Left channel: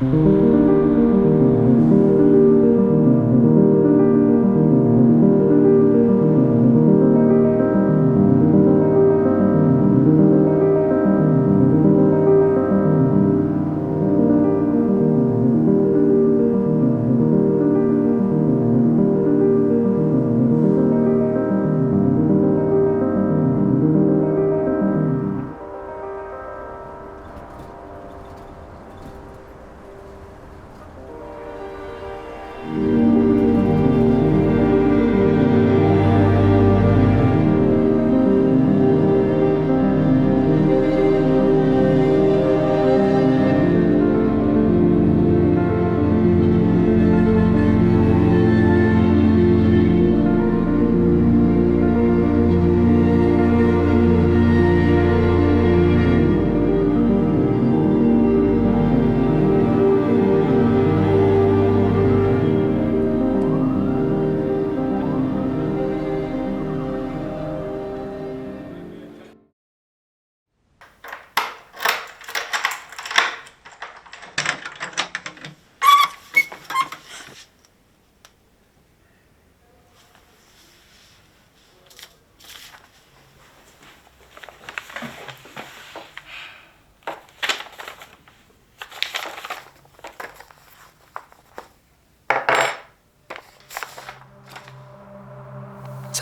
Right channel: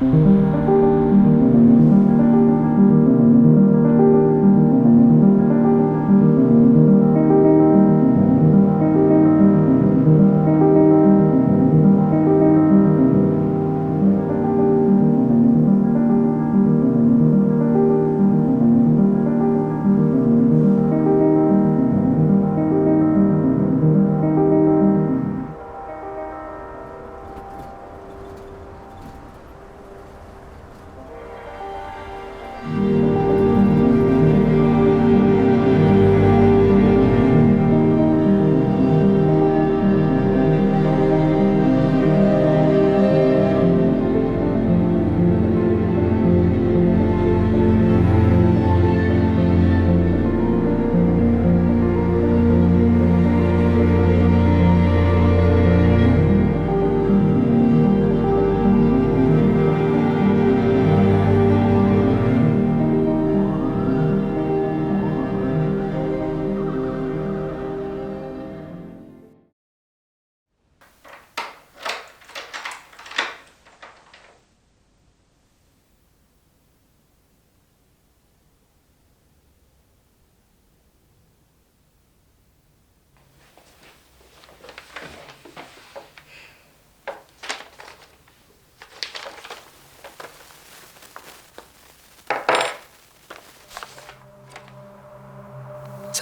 Ça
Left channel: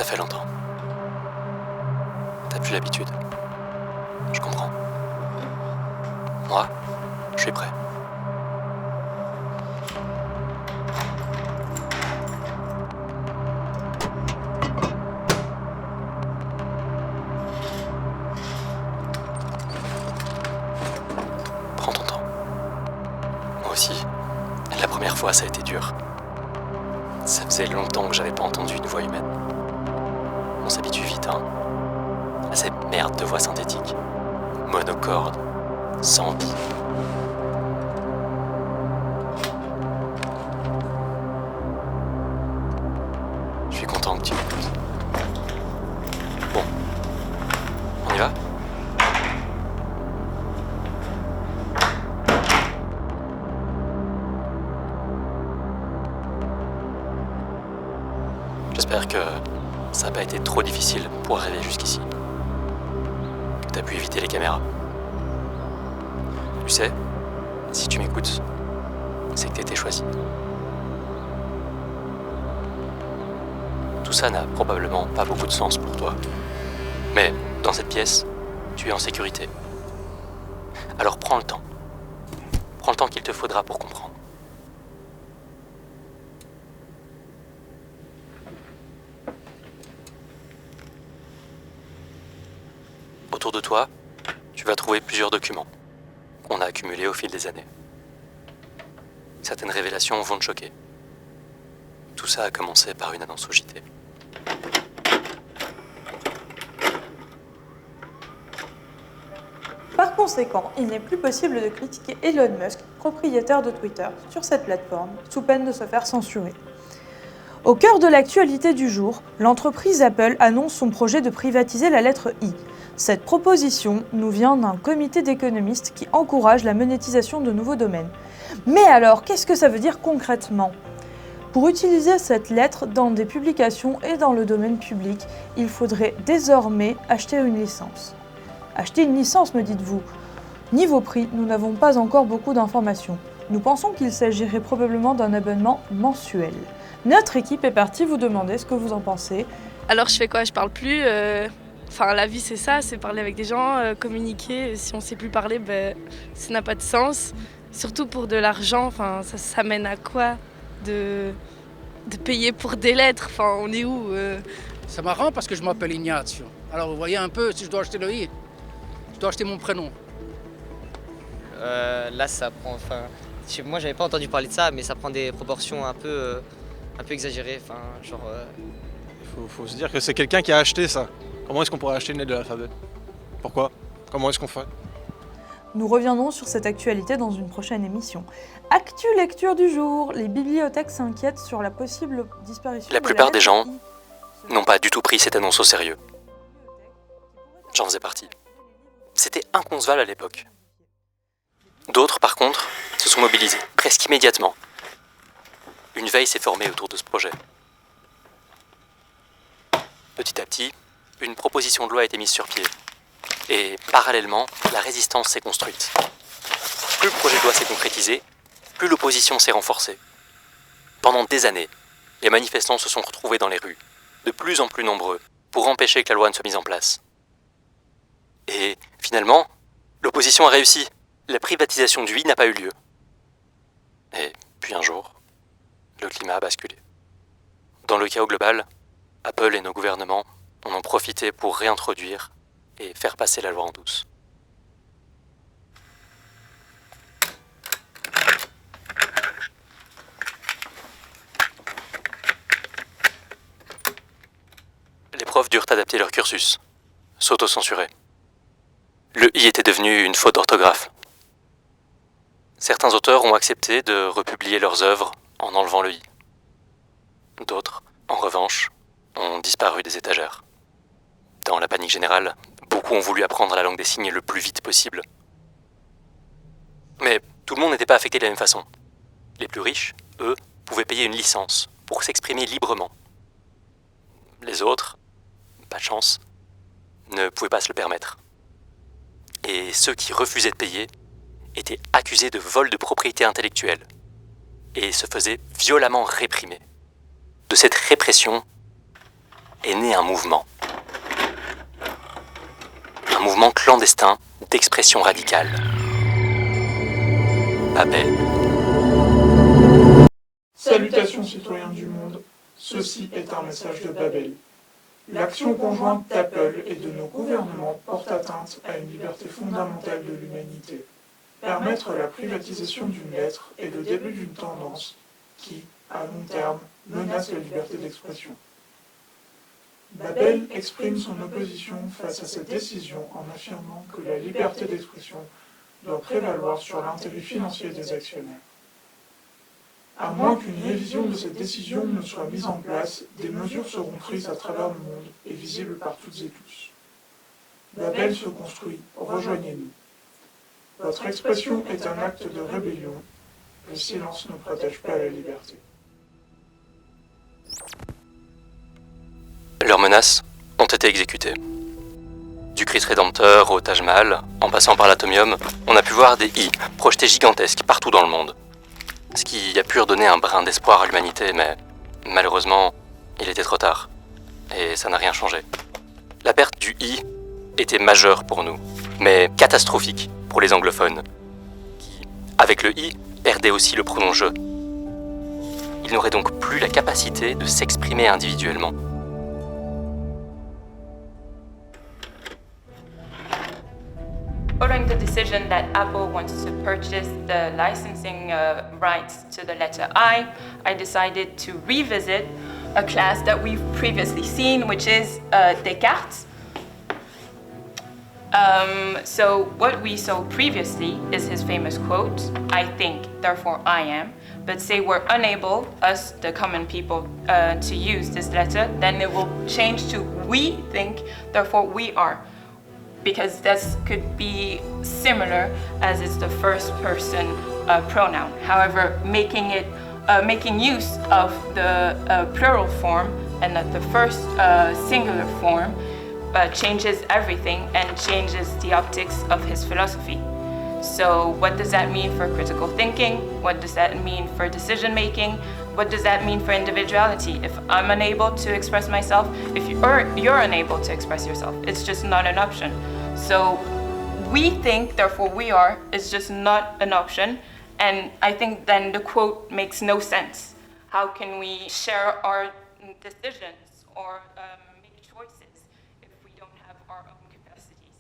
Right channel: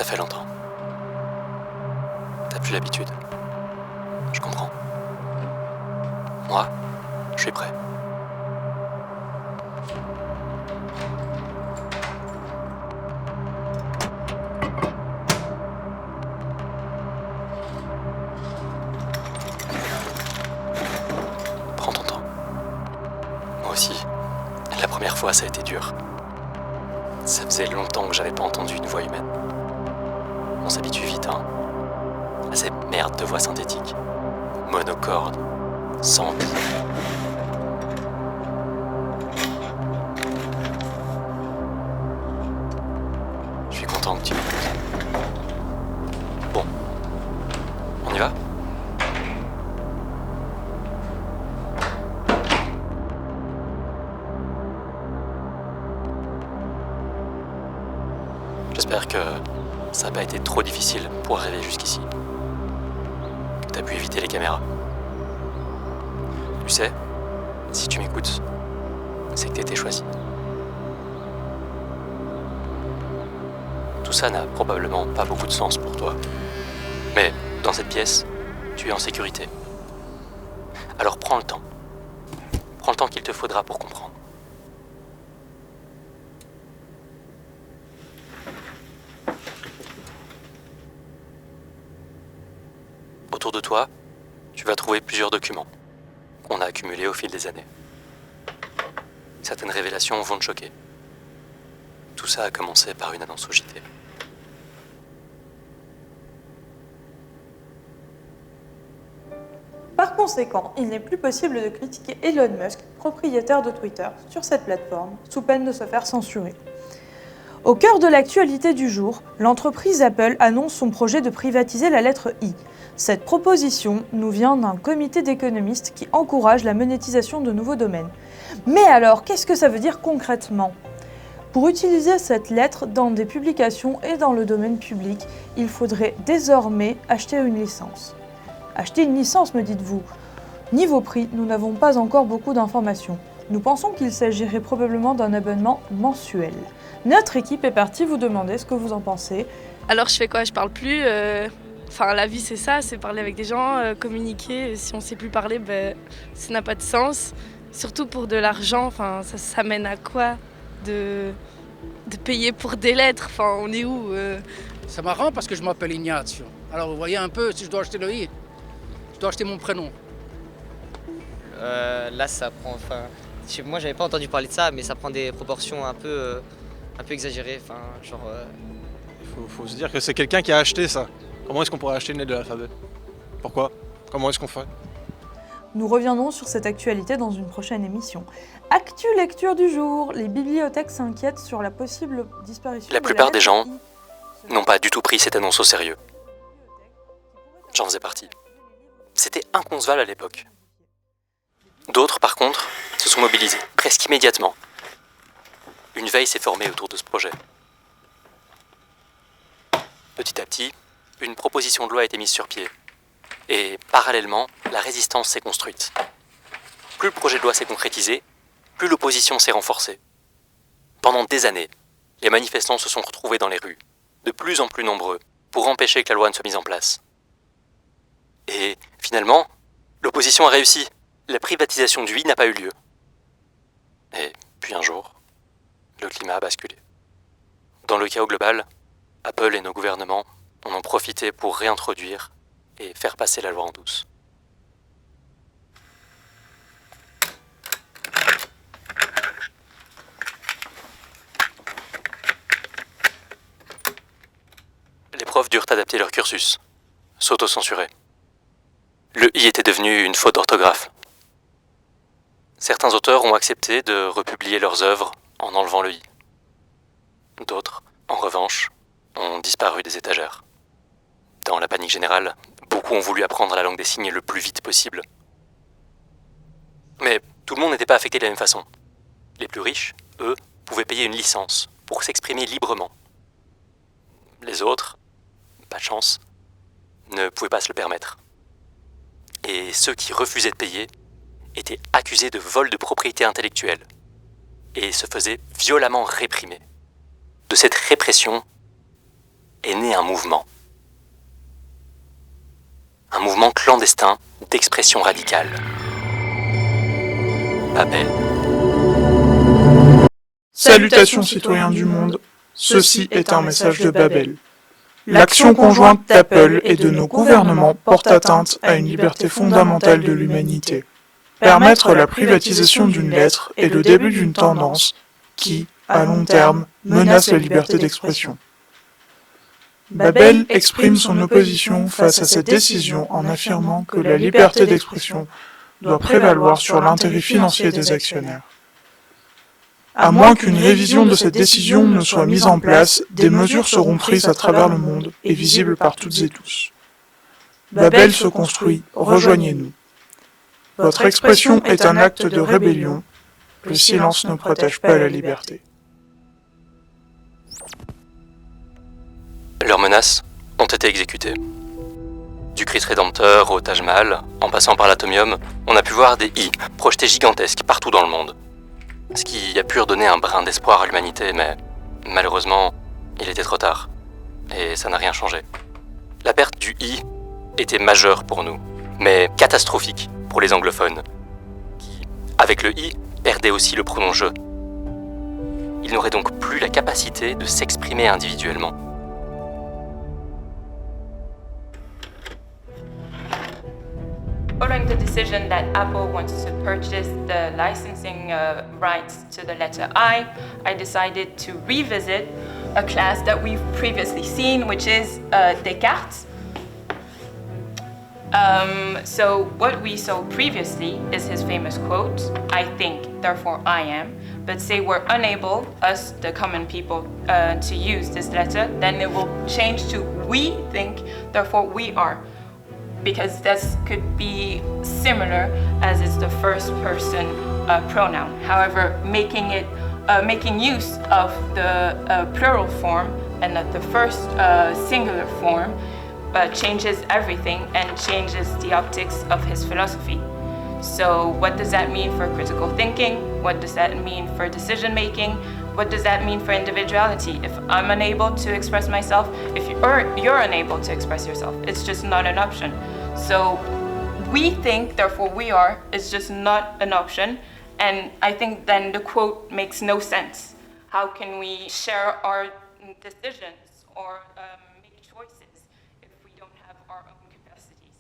fait longtemps. T'as plus l'habitude. Je comprends. Moi, je suis prêt. Prends ton temps. Moi aussi, la première fois, ça a été dur. Ça faisait longtemps que j'avais pas entendu une voix humaine. On s'habitue vite, hein, à cette merde de voix synthétique. Monocorde, sans vie. Je suis content que tu m'écoutes. Bon, on y va ? J'espère que ça n'a pas été trop difficile pour arriver jusqu'ici. Que t'as pu éviter les caméras. Tu sais, si tu m'écoutes, c'est que t'étais choisi. Tout ça n'a probablement pas beaucoup de sens pour toi. Mais dans cette pièce, tu es en sécurité. Alors prends le temps. Prends le temps qu'il te faudra pour comprendre. Autour de toi, tu vas trouver plusieurs documents qu'on a accumulés au fil des années. Certaines révélations vont te choquer. Tout ça a commencé par une annonce au JT. Par conséquent, il n'est plus possible de critiquer Elon Musk, propriétaire de Twitter, sur cette plateforme, sous peine de se faire censurer. Au cœur de l'actualité du jour, l'entreprise Apple annonce son projet de privatiser la lettre I. Cette proposition nous vient d'un comité d'économistes qui encourage la monétisation de nouveaux domaines. Mais alors, qu'est-ce que ça veut dire concrètement ? Pour utiliser cette lettre dans des publications et dans le domaine public, il faudrait désormais acheter une licence. Acheter une licence, me dites-vous ? Niveau prix, nous n'avons pas encore beaucoup d'informations. Nous pensons qu'il s'agirait probablement d'un abonnement mensuel. Notre équipe est partie vous demander ce que vous en pensez. Alors je fais quoi ? Je parle plus. Enfin, la vie c'est ça, c'est parler avec des gens, communiquer. Si on sait plus parler, ça n'a pas de sens. Surtout pour de l'argent, enfin, ça mène à quoi de payer pour des lettres, enfin, on est où C'est marrant parce que je m'appelle Ignazio. Alors vous voyez un peu, si je dois acheter le i, je dois acheter mon prénom. Là, ça prend. Enfin, moi, j'avais pas entendu parler de ça, mais ça prend des proportions un peu exagérées. Enfin, genre. Faut se dire que c'est quelqu'un qui a acheté ça. Comment est-ce qu'on pourrait acheter une lettre de l'alphabet ? Pourquoi ? Comment est-ce qu'on fait ? Nous reviendrons sur cette actualité dans une prochaine émission. Actu lecture du jour. Les bibliothèques s'inquiètent sur la possible disparition. La plupart des gens n'ont pas du tout pris cette annonce au sérieux. J'en faisais partie. C'était inconcevable à l'époque. D'autres, par contre, se se sont mobilisés, presque immédiatement. Une veille s'est formée autour de ce projet. Petit à petit, une proposition de loi a été mise sur pied. Et parallèlement, la résistance s'est construite. Plus le projet de loi s'est concrétisé, plus l'opposition s'est renforcée. Pendant des années, les manifestants se sont retrouvés dans les rues, de plus en plus nombreux, pour empêcher que la loi ne soit mise en place. Et finalement, l'opposition a réussi. La privatisation du I n'a pas eu lieu. Et puis un jour, le climat a basculé. Dans le chaos global, Apple et nos gouvernements en ont profité pour réintroduire et faire passer la loi en douce. Les profs durent adapter leur cursus, s'auto-censurer. Le I était devenu une faute d'orthographe. Certains auteurs ont accepté de republier leurs œuvres en enlevant le I. D'autres, en revanche, ont disparu des étagères. Dans la panique générale, beaucoup ont voulu apprendre la langue des signes le plus vite possible. Mais tout le monde n'était pas affecté de la même façon. Les plus riches, eux, pouvaient payer une licence pour s'exprimer librement. Les autres, pas de chance, ne pouvaient pas se le permettre. Et ceux qui refusaient de payer étaient accusés de vol de propriété intellectuelle et se faisaient violemment réprimer. De cette répression est né un mouvement. Un mouvement clandestin d'expression radicale. Babel. Salutations citoyens du monde, ceci est un message de Babel. L'action conjointe d'Apple et de nos gouvernements porte atteinte à une liberté fondamentale de l'humanité. Permettre la privatisation d'une lettre est le début d'une tendance qui, à long terme, menace la liberté d'expression. Babel exprime son opposition face à cette décision en affirmant que la liberté d'expression doit prévaloir sur l'intérêt financier des actionnaires. À moins qu'une révision de cette décision ne soit mise en place, des mesures seront prises à travers le monde et visibles par toutes et tous. Babel se construit, rejoignez-nous. Votre expression est un acte de rébellion. Le silence ne protège pas la liberté. Leurs menaces ont été exécutées. Du Christ Rédempteur au Taj Mahal, en passant par l'Atomium, on a pu voir des I projetés gigantesques partout dans le monde. Ce qui a pu redonner un brin d'espoir à l'humanité, mais malheureusement, il était trop tard. Et ça n'a rien changé. La perte du I était majeure pour nous, mais catastrophique pour les anglophones, qui, avec le I, perdaient aussi le pronom « je ». Ils n'auraient donc plus la capacité de s'exprimer individuellement. Following the decision that Apple wants to purchase the licensing rights to the letter I decided to revisit a class that we've previously seen, which is Descartes. So what we saw previously is his famous quote, "I think, therefore I am." But say we're unable, us, the common people, to use this letter, then it will change to "we think, therefore we are." Because this could be similar as it's the first person pronoun. However, making use of the plural form and not the first singular form changes everything and changes the optics of his philosophy. So what does that mean for critical thinking? What does that mean for decision making? What does that mean for individuality? If I'm unable to express myself, if you're unable to express yourself, it's just not an option. So we think, therefore we are, is just not an option. And I think then the quote makes no sense. How can we share our decisions or make choices if we don't have our own capacities?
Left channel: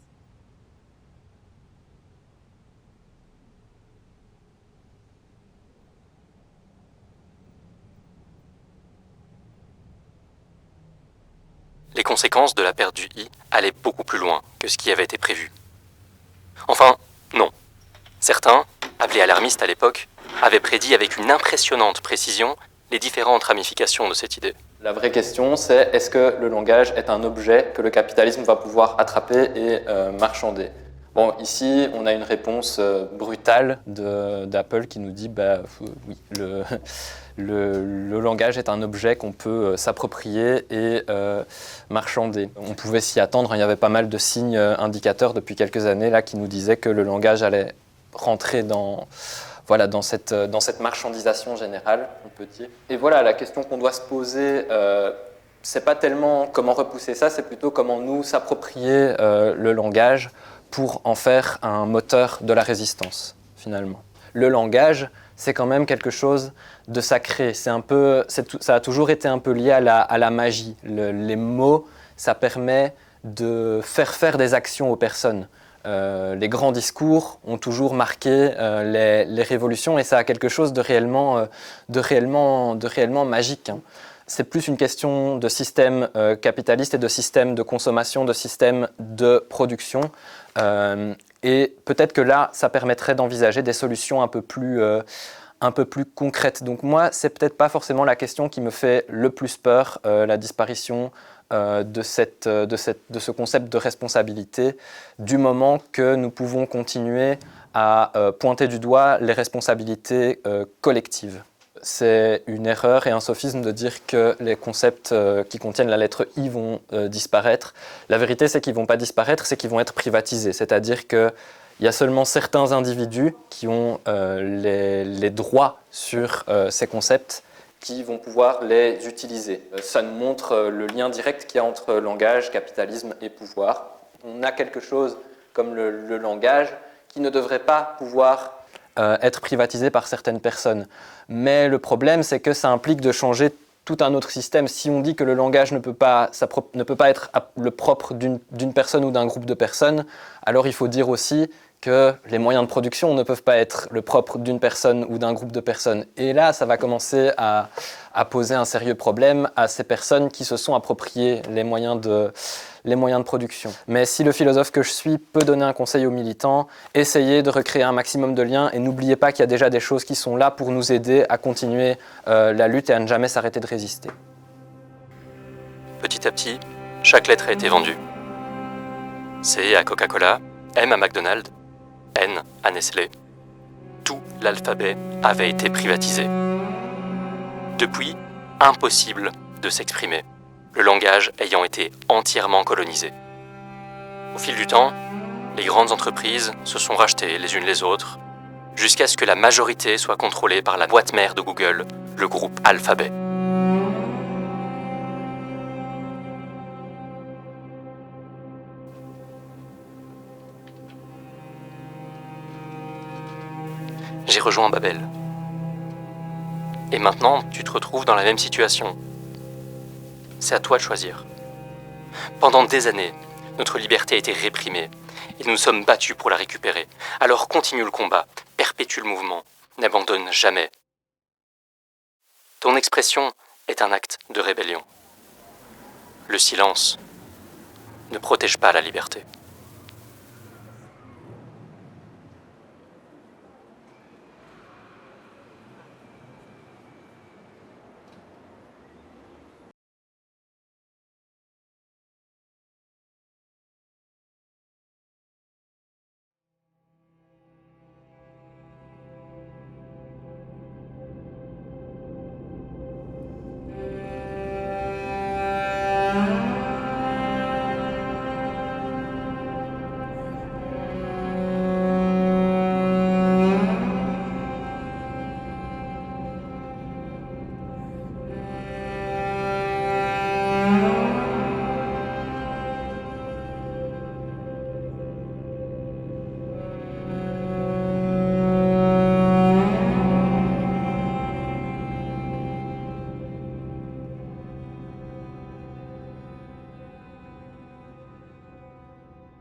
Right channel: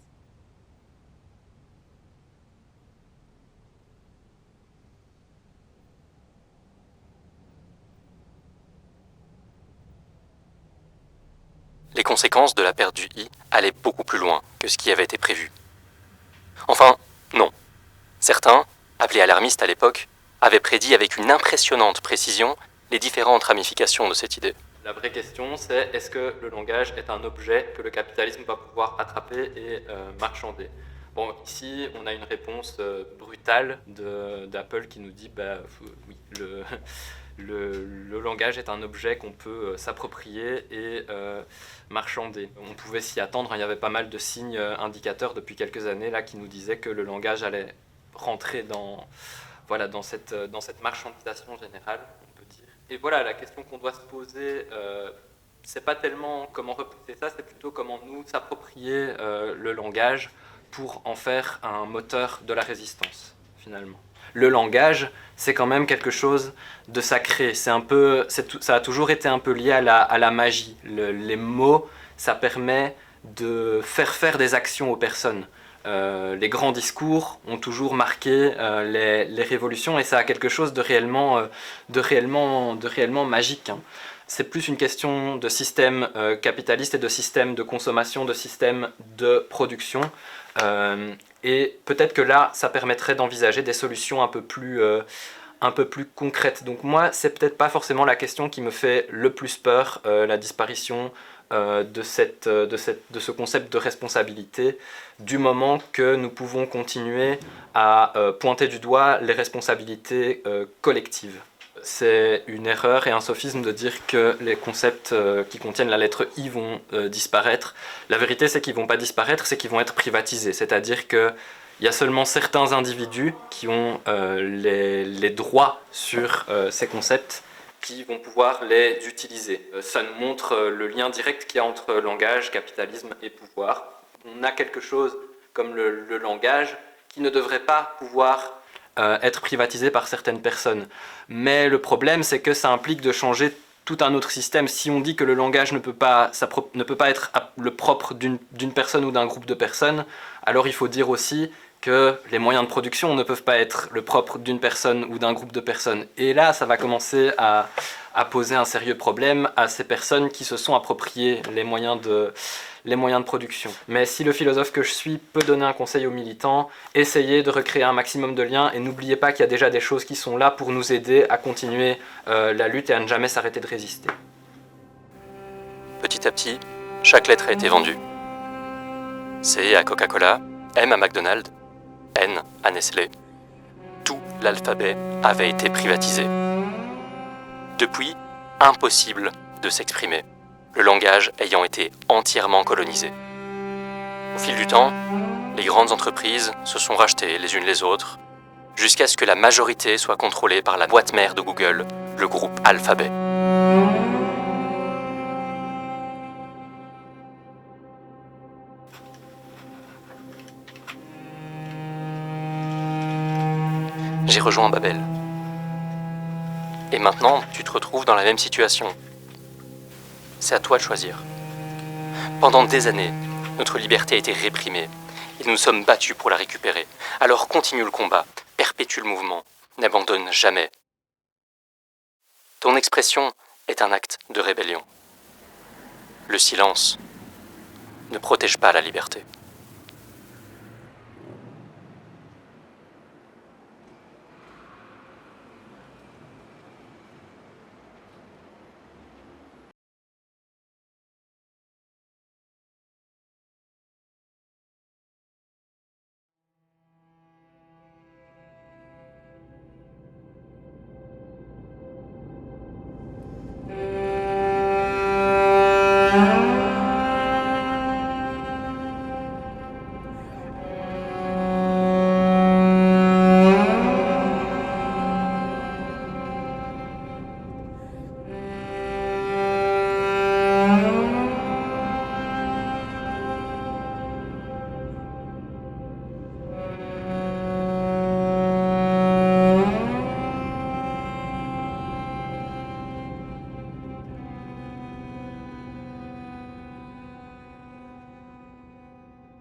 Les conséquences de la perte du I allaient beaucoup plus loin que ce qui avait été prévu. Enfin, non. Certains, appelés alarmistes à l'époque, avaient prédit avec une impressionnante précision les différentes ramifications de cette idée. La vraie question, c'est est-ce que le langage est un objet que le capitalisme va pouvoir attraper et marchander ? Bon, ici, on a une réponse brutale d'Apple qui nous dit oui, le langage est un objet qu'on peut s'approprier et marchander. On pouvait s'y attendre, hein, il y avait pas mal de signes indicateurs depuis quelques années là, qui nous disaient que le langage allait rentrer dans cette marchandisation générale, on peut dire. Et voilà, la question qu'on doit se poser, c'est pas tellement comment repousser ça, c'est plutôt comment nous s'approprier le langage pour en faire un moteur de la résistance, finalement. Le langage, c'est quand même quelque chose de sacré. Ça a toujours été un peu lié à la magie. Les mots, ça permet de faire des actions aux personnes. Les grands discours ont toujours marqué les révolutions et ça a quelque chose de réellement magique, hein. C'est plus une question de système capitaliste et de système de consommation, de système de production. Et peut-être que là, ça permettrait d'envisager des solutions un peu plus concrètes. Donc moi, c'est peut-être pas forcément la question qui me fait le plus peur, la disparition de ce concept de responsabilité, du moment que nous pouvons continuer à pointer du doigt les responsabilités collectives. C'est une erreur et un sophisme de dire que les concepts qui contiennent la lettre I vont disparaître. La vérité, c'est qu'ils ne vont pas disparaître, c'est qu'ils vont être privatisés. C'est-à-dire qu'il y a seulement certains individus qui ont les droits sur ces concepts qui vont pouvoir les utiliser. Ça nous montre le lien direct qu'il y a entre langage, capitalisme et pouvoir. On a quelque chose comme le langage qui ne devrait pas pouvoir être privatisé par certaines personnes. Mais le problème, c'est que ça implique de changer tout un autre système. Si on dit que le langage ne peut pas être le propre d'une personne ou d'un groupe de personnes, alors il faut dire aussi que les moyens de production ne peuvent pas être le propre d'une personne ou d'un groupe de personnes. Et là, ça va commencer à poser un sérieux problème à ces personnes qui se sont appropriées les moyens de production. Mais si le philosophe que je suis peut donner un conseil aux militants, essayez de recréer un maximum de liens et n'oubliez pas qu'il y a déjà des choses qui sont là pour nous aider à continuer la lutte et à ne jamais s'arrêter de résister. Petit à petit, chaque lettre a été vendue. C à Coca-Cola, M à McDonald's, N à Nestlé. Tout l'alphabet avait été privatisé. Depuis, impossible de s'exprimer, le langage ayant été entièrement colonisé. Au fil du temps, les grandes entreprises se sont rachetées les unes les autres, jusqu'à ce que la majorité soit contrôlée par la boîte mère de Google, le groupe Alphabet. J'ai rejoint Babel. Et maintenant, tu te retrouves dans la même situation. C'est à toi de choisir. Pendant des années, notre liberté a été réprimée et nous nous sommes battus pour la récupérer. Alors continue le combat, perpétue le mouvement, n'abandonne jamais. Ton expression est un acte de rébellion. Le silence ne protège pas la liberté. Thank you.